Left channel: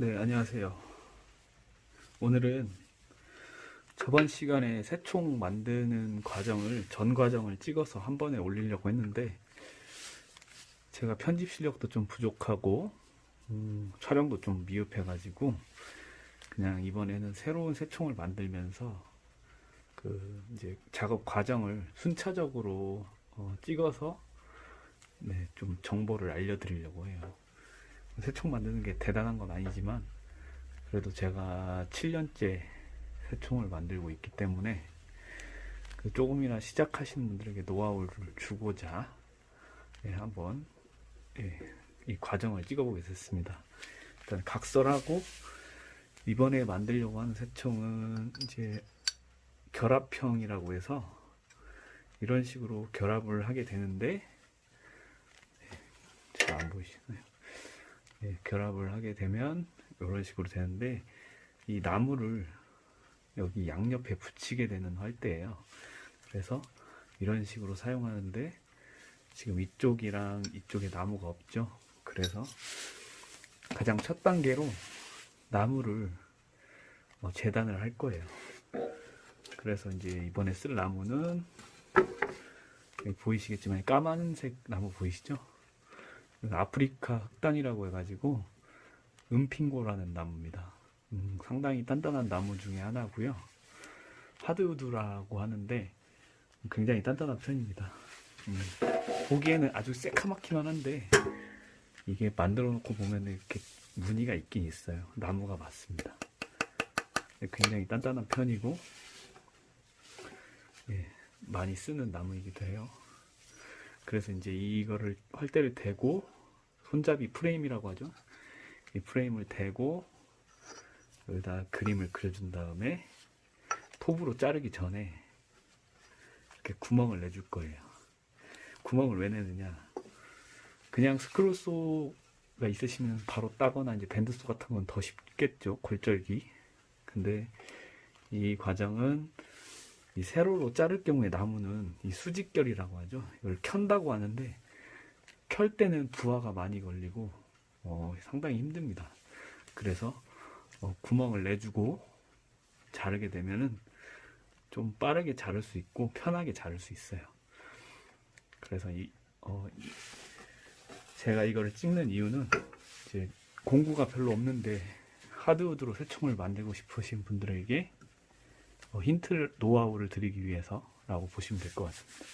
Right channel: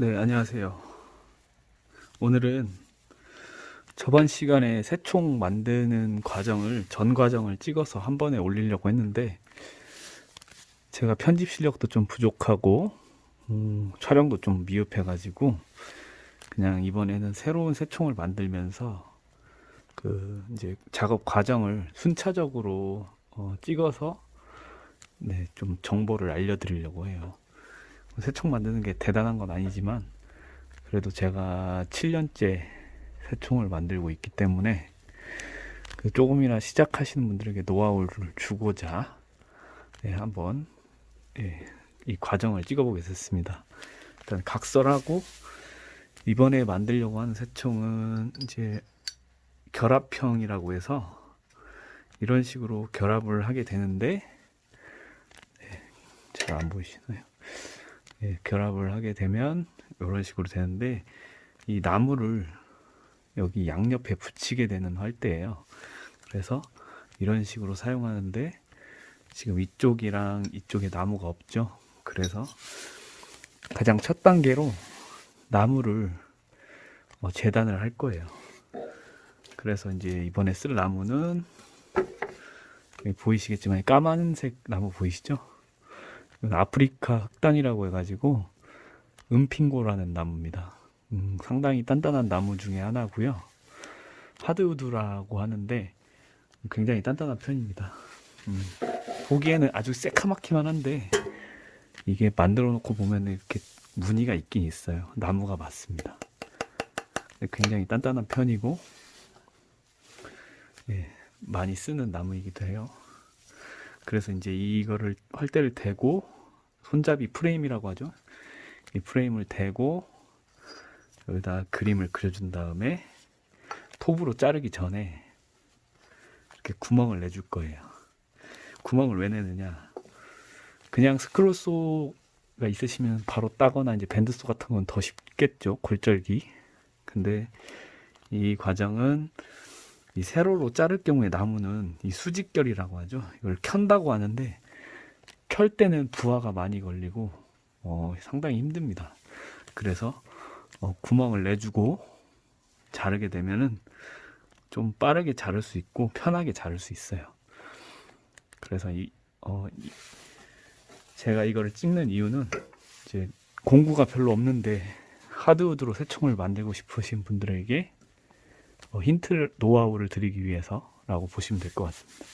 네, 안녕하세요. 오늘은 저번 시간에 새총 만드는 전 과정을 찍어서 한 번에 올리려고 했는데, 제가 편집 실력도 좀 부족하고, 촬영도 좀 미흡해가지고, 그냥 이번에는 새로운 새총을 만들면서, 이제 작업 과정을 순차적으로 찍어서, 네, 좀 정보를 알려드리려고 해요. 새총 만드는 게 대단한 건 아니지만, 그래도 제가 7년째 새총을 만들고 있기 때문에 조금이나 시작하시는 분들에게 노하우를 주고자 한번 이 과정을 찍어보겠습니다. 일단 각설하고, 이번에 만들려고 하는 새총은 이제 결합형이라고 해서 이런 식으로 결합을 하게 되는데, 잘 안 보이시나요? 결합을 하게 되면 이런 식으로 되는데, 이 나무를 여기 양옆에 붙이게 되는 활대예요. 그래서 이런 식으로 사용하는데, 지금 이쪽이랑 이쪽에 나무가 없죠. 그래서 가장 첫 단계로 나무를 재단을 할 거예요. 그래서 이제 이번에 쓸 나무는 여기 보이시겠지만 까만색 나무 보이시죠? 아프리카 흑단이라고 해가지고 은핑고라는 나무입니다. 상당히 단단한 나무 중에 하나고요. 하드우드라고 하는데 굉장히 단단한 편입니다. 보기에는 아주 새카맣기만 한데, 이게 만들어 놓고 보면 이렇게 무늬가 있긴 있어요. 나무가 맞습니다. 굉장히 단단한 편이고, 많이 쓰는 나무이기도 해요. 그래서 이제 이거를 활대를 대고, 손잡이 프레임이라고 하죠. 이 프레임을 대고 여기다 그림을 그려준 다음에 톱으로 자르기 전에 이렇게 구멍을 내줄 거예요. 구멍을 왜 내느냐? 그냥 스크롤소가 있으시면 바로 따거나 이제 밴드소 같은 건 더 쉽겠죠, 골절기. 근데 이 과정은 이 세로로 자를 경우에 나무는 이 수직결이라고 하죠. 이걸 켠다고 하는데, 켤 때는 부하가 많이 걸리고 상당히 힘듭니다. 그래서 구멍을 내주고 자르게 되면은 좀 빠르게 자를 수 있고 편하게 자를 수 있어요. 그래서 제가 이거를 찍는 이유는, 이제 공구가 별로 없는데 하드우드로 새총을 만들고 싶으신 분들에게 힌트 노하우를 드리기 위해서라고 보시면 될 것 같습니다.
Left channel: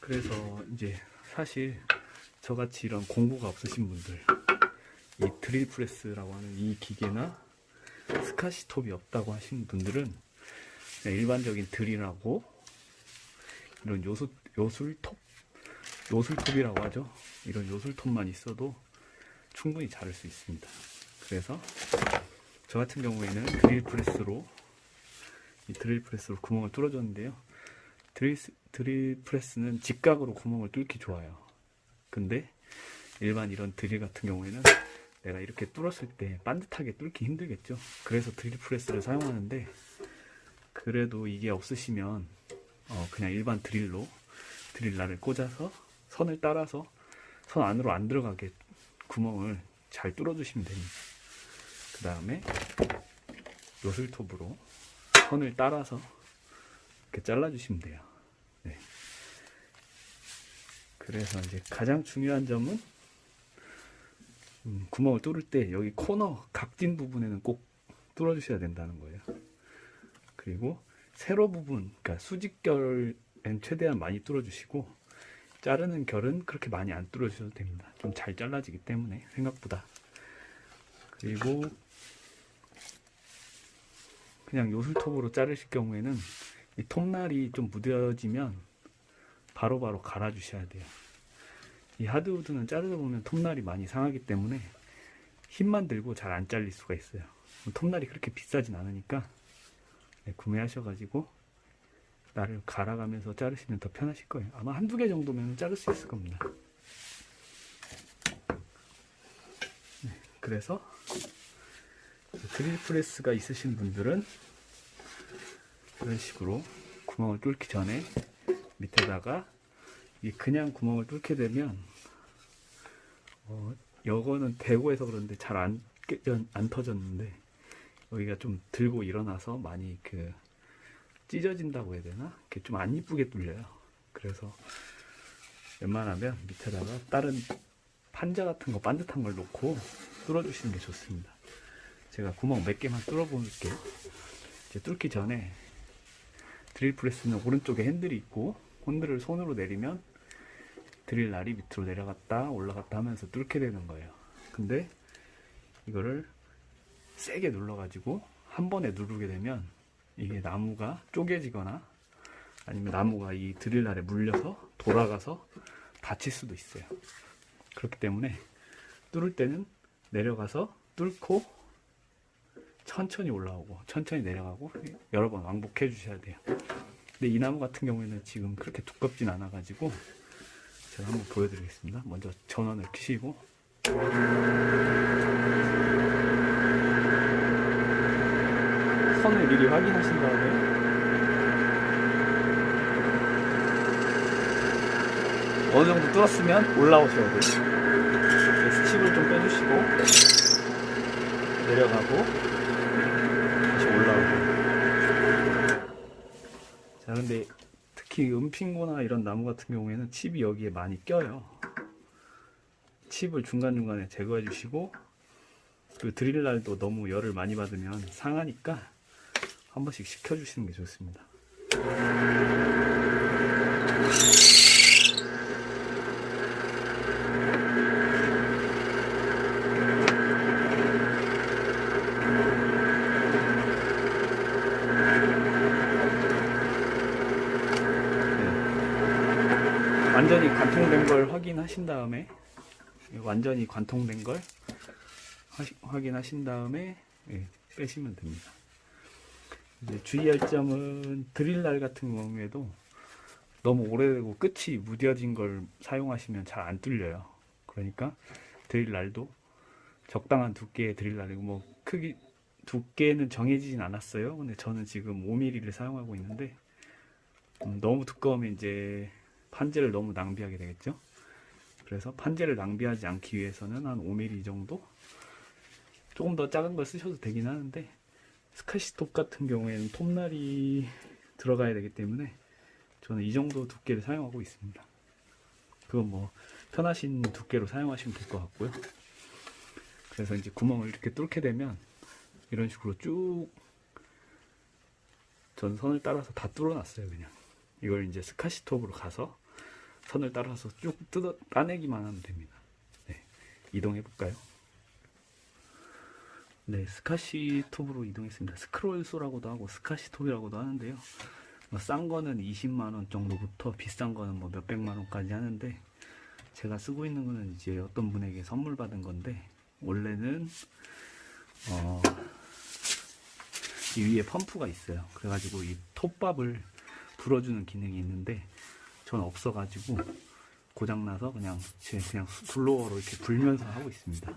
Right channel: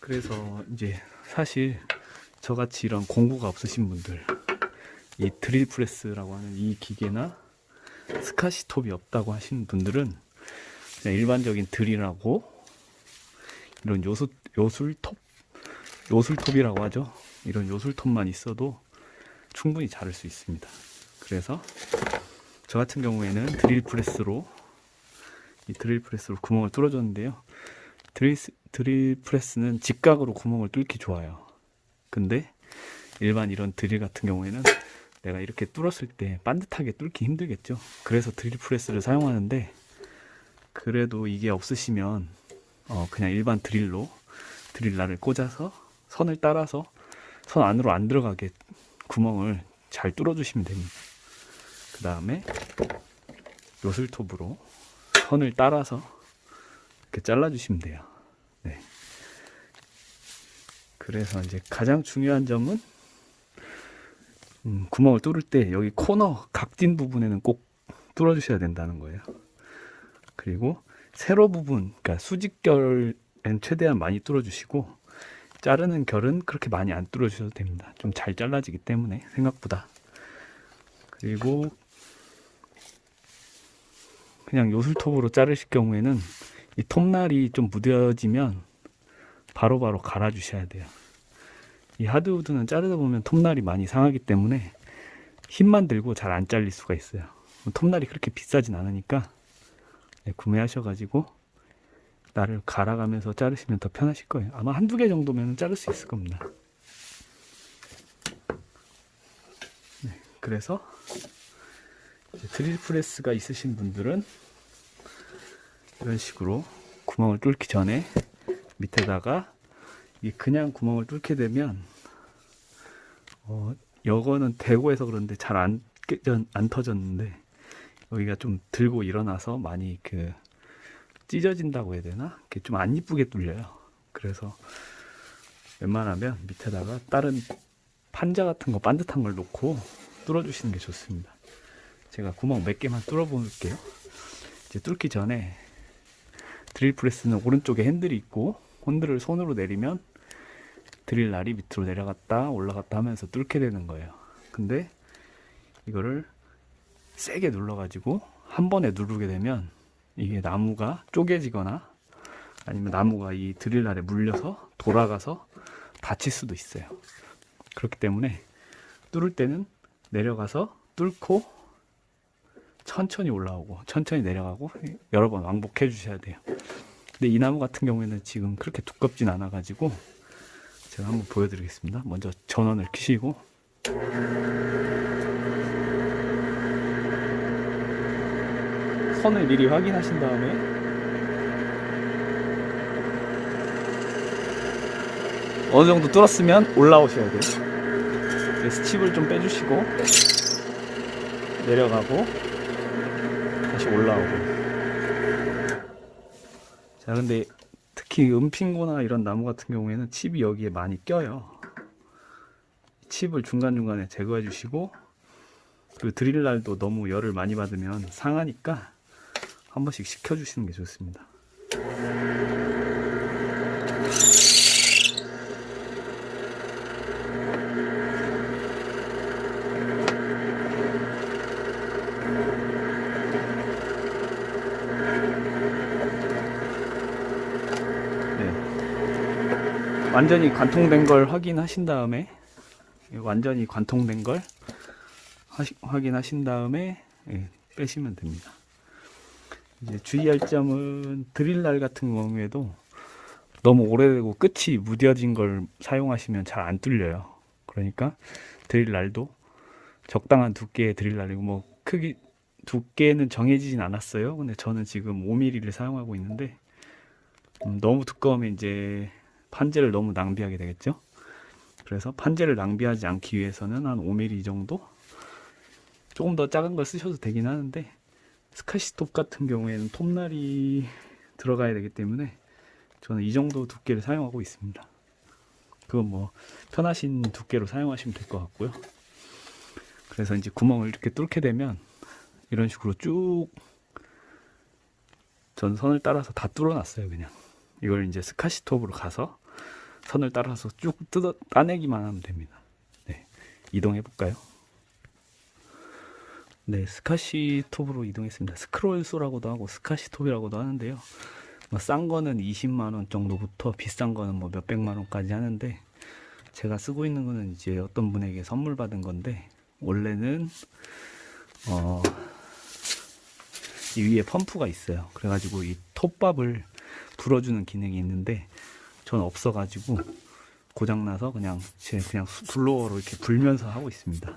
그래서 이제 사실 저같이 이런 공구가 없으신 분들, 이 드릴 프레스라고 하는 이 기계나 스카시톱이 없다고 하시는 분들은 그냥 일반적인 드릴하고 이런 요술톱이라고 하죠. 이런 요술톱만 있어도 충분히 자를 수 있습니다. 그래서 저 같은 경우에는 드릴 프레스로 구멍을 뚫어줬는데요. 드릴 프레스는 직각으로 구멍을 뚫기 좋아요. 근데 일반 이런 드릴 같은 경우에는 내가 이렇게 뚫었을 때 반듯하게 뚫기 힘들겠죠. 그래서 드릴 프레스를 사용하는데, 그래도 이게 없으시면 그냥 일반 드릴날을 꽂아서 선을 따라서 선 안으로 안 들어가게 구멍을 잘 뚫어주시면 됩니다. 그 다음에 요술톱으로 선을 따라서 이렇게 잘라주시면 돼요. 네. 그래서 이제 가장 중요한 점은, 구멍을 뚫을 때 여기 코너 각진 부분에는 꼭 뚫어주셔야 된다는 거예요. 그리고 세로 부분, 그러니까 수직결은 최대한 많이 뚫어주시고, 자르는 결은 그렇게 많이 안 뚫어주셔도 됩니다. 좀 잘 잘라지기 때문에 생각보다. 그리고 그냥 요술톱으로 자르실 경우에는 이 톱날이 좀 무뎌지면 바로바로 갈아주셔야 돼요. 이 하드우드는 자르다 보면 톱날이 많이 상하기 때문에 힘만 들고 잘 안 잘릴 수가 있어요. 톱날이 그렇게 비싸진 않으니까 구매하셔가지고 날을 갈아가면서 자르시면 더 편하실 거예요. 아마 한두 개 정도면 자를 수 있을 겁니다. 그래서 드릴 프레스가 있으신 분들은 이런 식으로 구멍을 뚫기 전에 밑에다가, 이게 그냥 구멍을 뚫게 되면 여거는 대고 해서 그런데 잘 안 터졌는데 여기가 좀 들고 일어나서 많이 그 찢어진다고 해야 되나? 그게 좀 안 이쁘게 뚫려요. 그래서 웬만하면 밑에다가 다른 판자 같은 거 반듯한 걸 놓고 뚫어주시는 게 좋습니다. 제가 구멍 몇 개만 뚫어볼게요. 이제 뚫기 전에 드릴 프레스는 오른쪽에 핸들이 있고 핸들을 손으로 내리면 드릴 날이 밑으로 내려갔다 올라갔다 하면서 뚫게 되는 거예요. 근데 이거를 세게 눌러가지고 한 번에 누르게 되면 이게 나무가 쪼개지거나 아니면 나무가 이 드릴날에 물려서 돌아가서 다칠 수도 있어요. 그렇기 때문에 뚫을 때는 내려가서 뚫고 천천히 올라오고 천천히 내려가고 여러 번 왕복해 주셔야 돼요. 근데 이 나무 같은 경우에는 지금 그렇게 두껍진 않아 가지고 제가 한번 보여드리겠습니다. 먼저 전원을 켜시고 선을 미리 확인하신 다음에 어느 정도 뚫었으면 올라오셔야 돼요. 스칩을 좀 빼주시고 내려가고 다시 올라오고. 자, 근데 특히 은핑고나 이런 나무 같은 경우에는 칩이 여기에 많이 껴요. 칩을 중간중간에 제거해 주시고 그 드릴날도 너무 열을 많이 받으면 상하니까 한 번씩 식혀주시는 게 좋습니다. 완전히 관통된 걸 확인하신 다음에 완전히 관통된 걸 확인하신 다음에 빼시면 됩니다. 이제 주의할 점은 드릴날 같은 경우에도 너무 오래되고 끝이 무뎌진 걸 사용하시면 잘 안 뚫려요. 그러니까 드릴날도 적당한 두께의 드릴날이고 뭐 크기 두께는 정해지진 않았어요. 근데 저는 지금 5mm를 사용하고 있는데 너무 두꺼우면 이제 판재를 너무 낭비하게 되겠죠. 그래서 판재를 낭비하지 않기 위해서는 한 5mm 정도? 조금 더 작은 걸 쓰셔도 되긴 하는데 스카시톱 같은 경우에는 톱날이 들어가야 되기 때문에 저는 이 정도 두께를 사용하고 있습니다. 그건 뭐 편하신 두께로 사용하시면 될 것 같고요. 그래서 이제 구멍을 이렇게 뚫게 되면 이런 식으로 쭉 전 선을 따라서 다 뚫어놨어요. 그냥 이걸 이제 스카시톱으로 가서 선을 따라서 쭉 따내기만 하면 됩니다. 네, 이동해 볼까요? 네, 스카시톱으로 이동했습니다. 스크롤소라고도 하고 스카시톱이라고도 하는데요. 뭐 싼 거는 20만원 정도부터 비싼 거는 뭐 몇백만원까지 하는데 제가 쓰고 있는 거는 이제 어떤 분에게 선물 받은 건데 원래는 이 위에 펌프가 있어요. 그래가지고 이 톱밥을 불어주는 기능이 있는데 전 없어가지고 고장나서 그냥 블로어로 이렇게 불면서 하고 있습니다.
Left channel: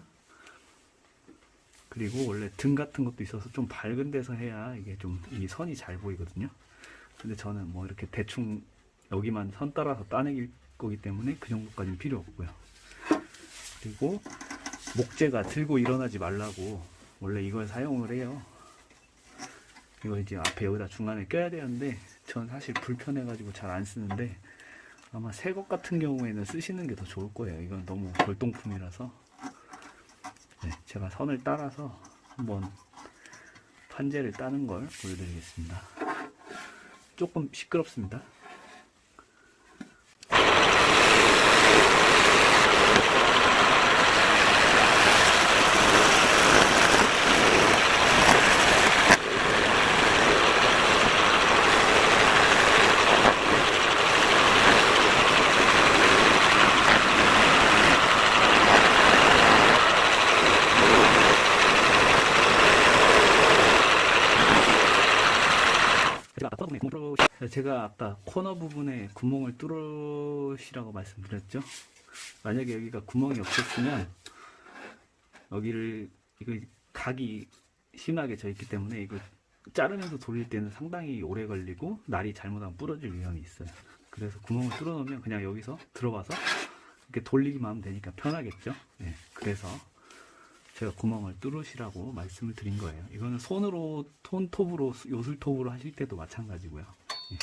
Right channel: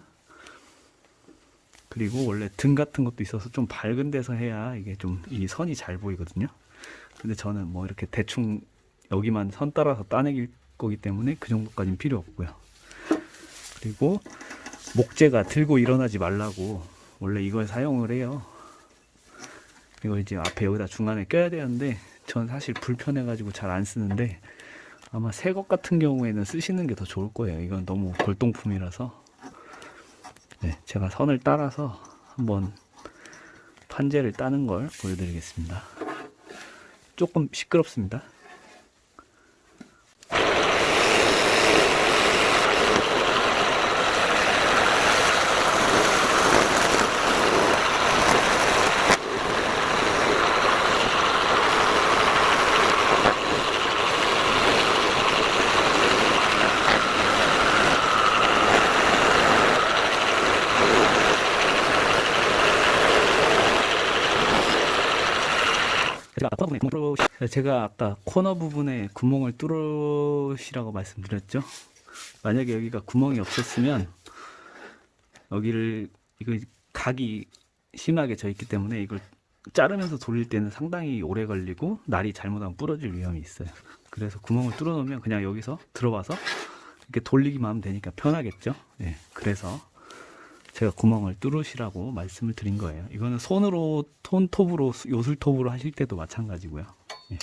그리고 원래 등 같은 것도 있어서 좀 밝은 데서 해야 이게 좀 이 선이 잘 보이거든요. 근데 저는 뭐 이렇게 대충 여기만 선 따라서 따내길 거기 때문에 그 정도까지는 필요 없고요. 그리고 목재가 들고 일어나지 말라고 원래 이걸 사용을 해요. 이거 이제 앞에 여기다 중간에 껴야 되는데 전 사실 불편해가지고 잘 안 쓰는데 아마 새 것 같은 경우에는 쓰시는 게 더 좋을 거예요. 이건 너무 골동품이라서. 네, 제가 선을 따라서 한번 판재를 따는 걸 보여드리겠습니다. 조금 시끄럽습니다. 제가 아까 코너 부분에 구멍을 뚫으시라고 말씀드렸죠. 만약에 여기가 구멍이 없었으면 여기를 이거 각이 심하게 져 있기 때문에 이걸 자르면서 돌릴 때는 상당히 오래 걸리고 날이 잘못하면 부러질 위험이 있어요. 그래서 구멍을 뚫어 놓으면 그냥 여기서 들어와서 이렇게 돌리기만 하면 되니까 편하겠죠. 예, 그래서 제가 구멍을 뚫으시라고 말씀을 드린 거예요. 이거는 손으로 톱으로 요술톱으로 하실 때도 마찬가지고요. 예.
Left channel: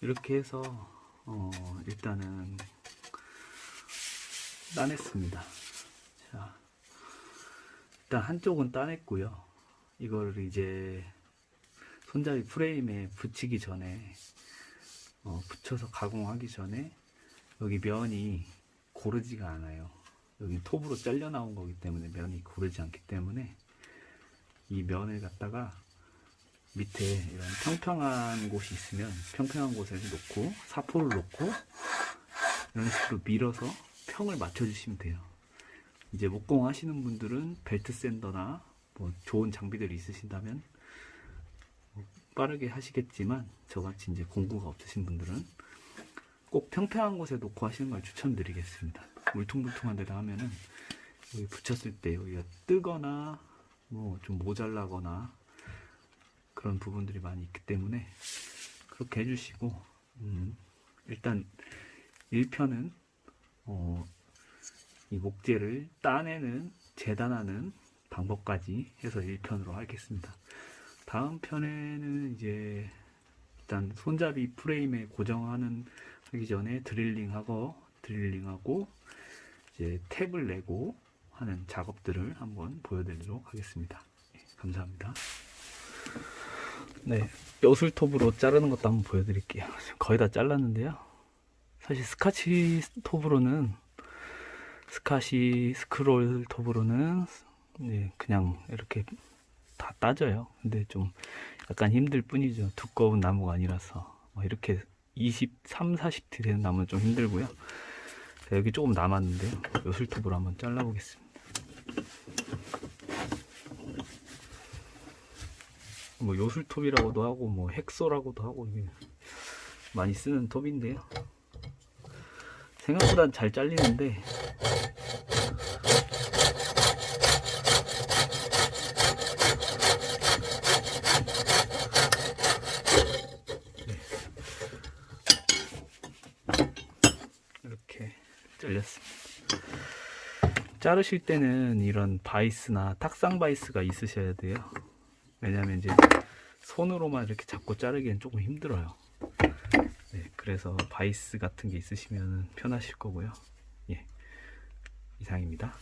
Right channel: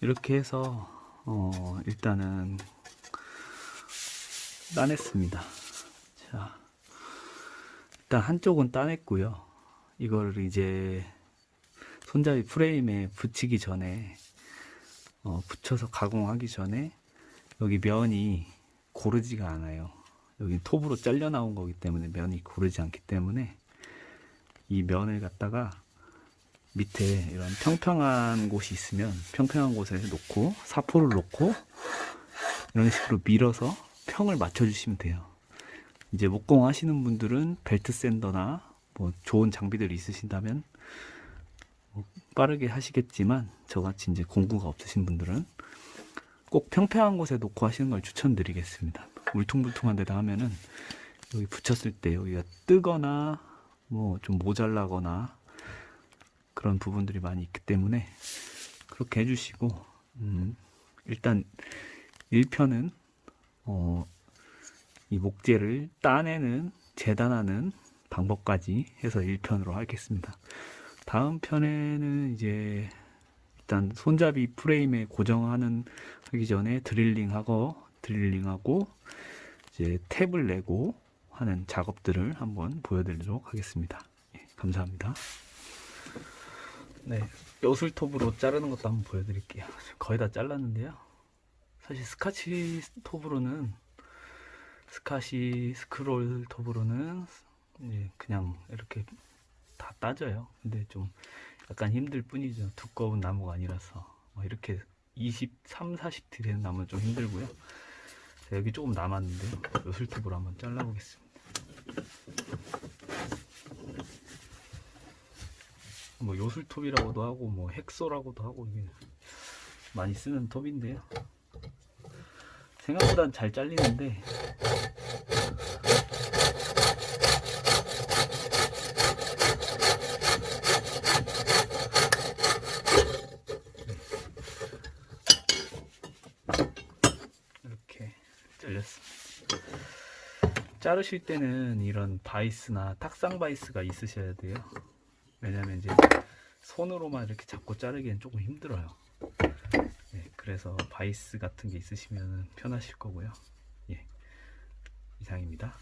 이렇게 해서 일단은 따냈습니다. 자, 일단 한쪽은 따냈고요. 이걸 이제 손잡이 프레임에 붙이기 전에 붙여서 가공하기 전에 여기 면이 고르지가 않아요. 여기 톱으로 잘려 나온 거기 때문에 면이 고르지 않기 때문에 이 면을 갖다가 밑에 이런 평평한 곳이 있으면 평평한 곳에 놓고 사포를 놓고 이런 식으로 밀어서 평을 맞춰주시면 돼요. 이제 목공 하시는 분들은 벨트 샌더나 뭐 좋은 장비들이 있으신다면 빠르게 하시겠지만 저같이 이제 공구가 없으신 분들은 꼭 평평한 곳에 놓고 하시는 걸 추천드리겠습니다. 울퉁불퉁한 데다 하면은 여기 붙였을 때 여기가 뜨거나 뭐 좀 모자라거나 그런 부분들이 많이 있기 때문에 그렇게 해주시고 일단 1편은 이 목재를 따내는 재단하는 방법까지 해서 1편으로 하겠습니다. 다음 편에는 이제 일단 손잡이 프레임에 고정하는 하기 전에 드릴링하고 이제 탭을 내고 하는 작업들을 한번 보여드리도록 하겠습니다. 감사합니다. 네, 요술톱으로 자르는 것도 한번 보여드릴게요. 거의 다 잘랐는데요. 사실 스카치 스크롤 톱으로는 그냥 이렇게 다 따져요. 근데 좀 약간 힘들 뿐이죠. 두꺼운 나무가 아니라서 이렇게 23, 40T 되는 나무는 좀 힘들고요. 여기 조금 남았는데요. 요술톱으로 한번 잘라보겠습니다. 뭐 요술톱이라고도 하고 뭐 핵소라고도 하고 이게 많이 쓰는 톱인데요. 생각보다 잘 잘리는데 이렇게 잘렸습니다. 자르실 때는 이런 바이스나 탁상 바이스가 있으셔야 돼요. 왜냐면 이제 손으로만 이렇게 잡고 자르기엔 조금 힘들어요. 네, 그래서 바이스 같은 게 있으시면 편하실 거고요. 예, 이상입니다.